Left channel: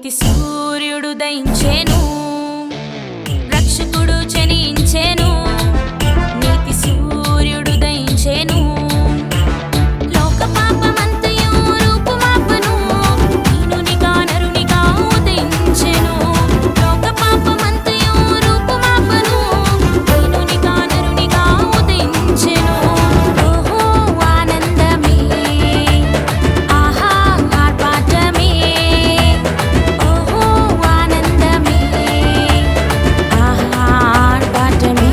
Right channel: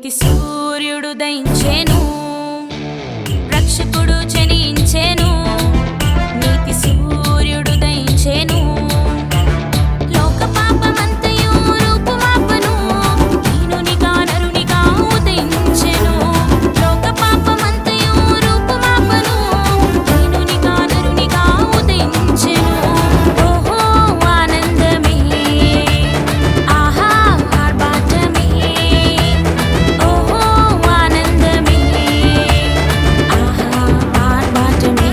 నీతి సూర్యుడు దయించెను, రక్షకుడు జనించెను. నీతి సూర్యుడు దయించెను, లోక పాపమంతయు రూపుమాపును. దీనునిగా నరునిగా ఉదయించెను, లోక పాపమంతయు రూపుమాపును. దీనునిగా నరునిగా ఉదయించెను. ఓహో ఆనందమే, ఆహా ఆర్భాటమే. ఓహో ఆనందమే, ఆహా ఆర్భాటమే.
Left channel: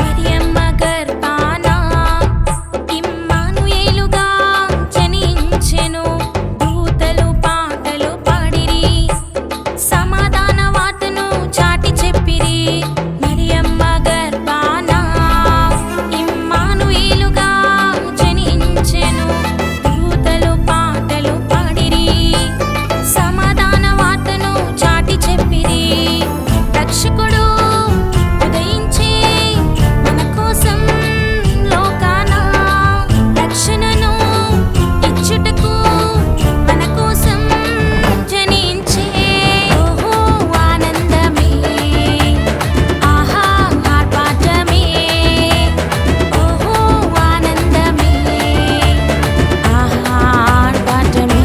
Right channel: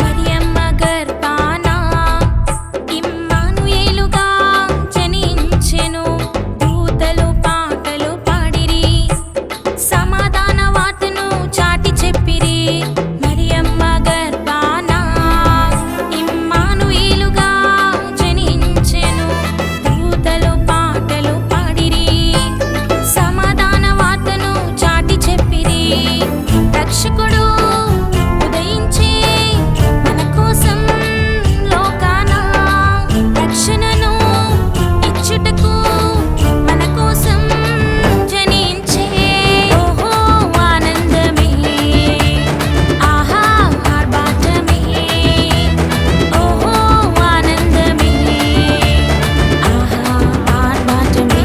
మరియమ్మ గర్భాన ఇమ్మానుయేలుగా జనించెను. దూతలు పాటలు పాడిరి, సమాధాన వార్తను చాటి చెప్పిరి. మరియమ్మ గర్భాన ఇమ్మానుయేలుగా జనించెను. దూతలు పాటలు పాడిరి, సమాధాన వార్తను చాటి చెప్పిరి. రక్షకుడు ఉదయించే మన కోసం లోకాన రక్షణను ఇచ్చుటకు మన కోసం జనించే. ఓహో ఆనందమే, ఆహా ఆర్భాటమే. ఓహో ఆనందమే, ఆహా ఆర్భాటమే.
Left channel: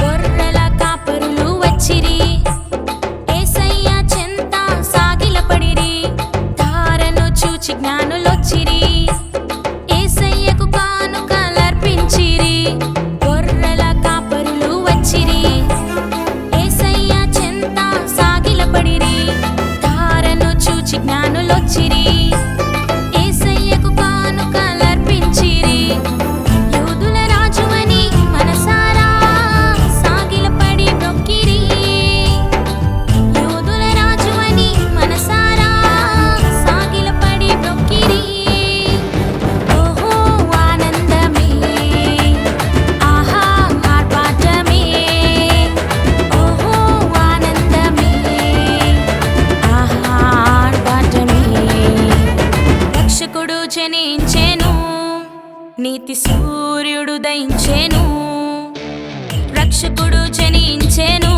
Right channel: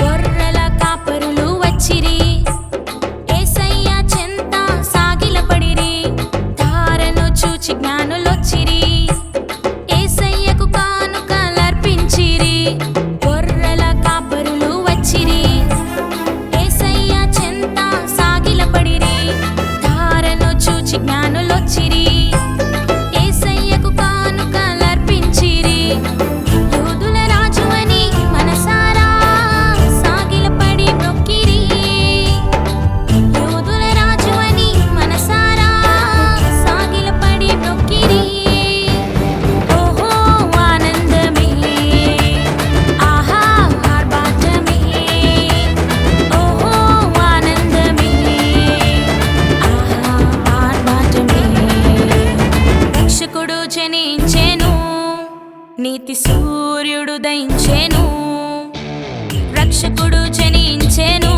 గొర్రెల కాపరులు వచ్చిరి, యేసయ్య చెంత సాగిలపడిరి. తారను చూచి జ్ఞానులొచ్చిరి, యేసయ్యకు కానుకలర్పించిరి. గొర్రెల కాపరులు వచ్చిరి, యేసయ్య చెంత సాగిలపడిరి. తారను చూచి జ్ఞానులొచ్చిరి, యేసయ్యకు కానుకలర్పించిరి. యూదుల రాజువని మనసారా సాగిలపడి మొక్కిరి. యూదుల రాజువని మనసారా సాగిలపడి మొక్కిరి. ఓహో ఆనందమే, ఆహా ఆర్భాటమే. ఓహో ఆనందమే, ఆహా ఆర్భాటమే. రక్షకుడు జనించెను, నీతి సూర్యుడు దయించెను. రక్షకుడు జనించెను,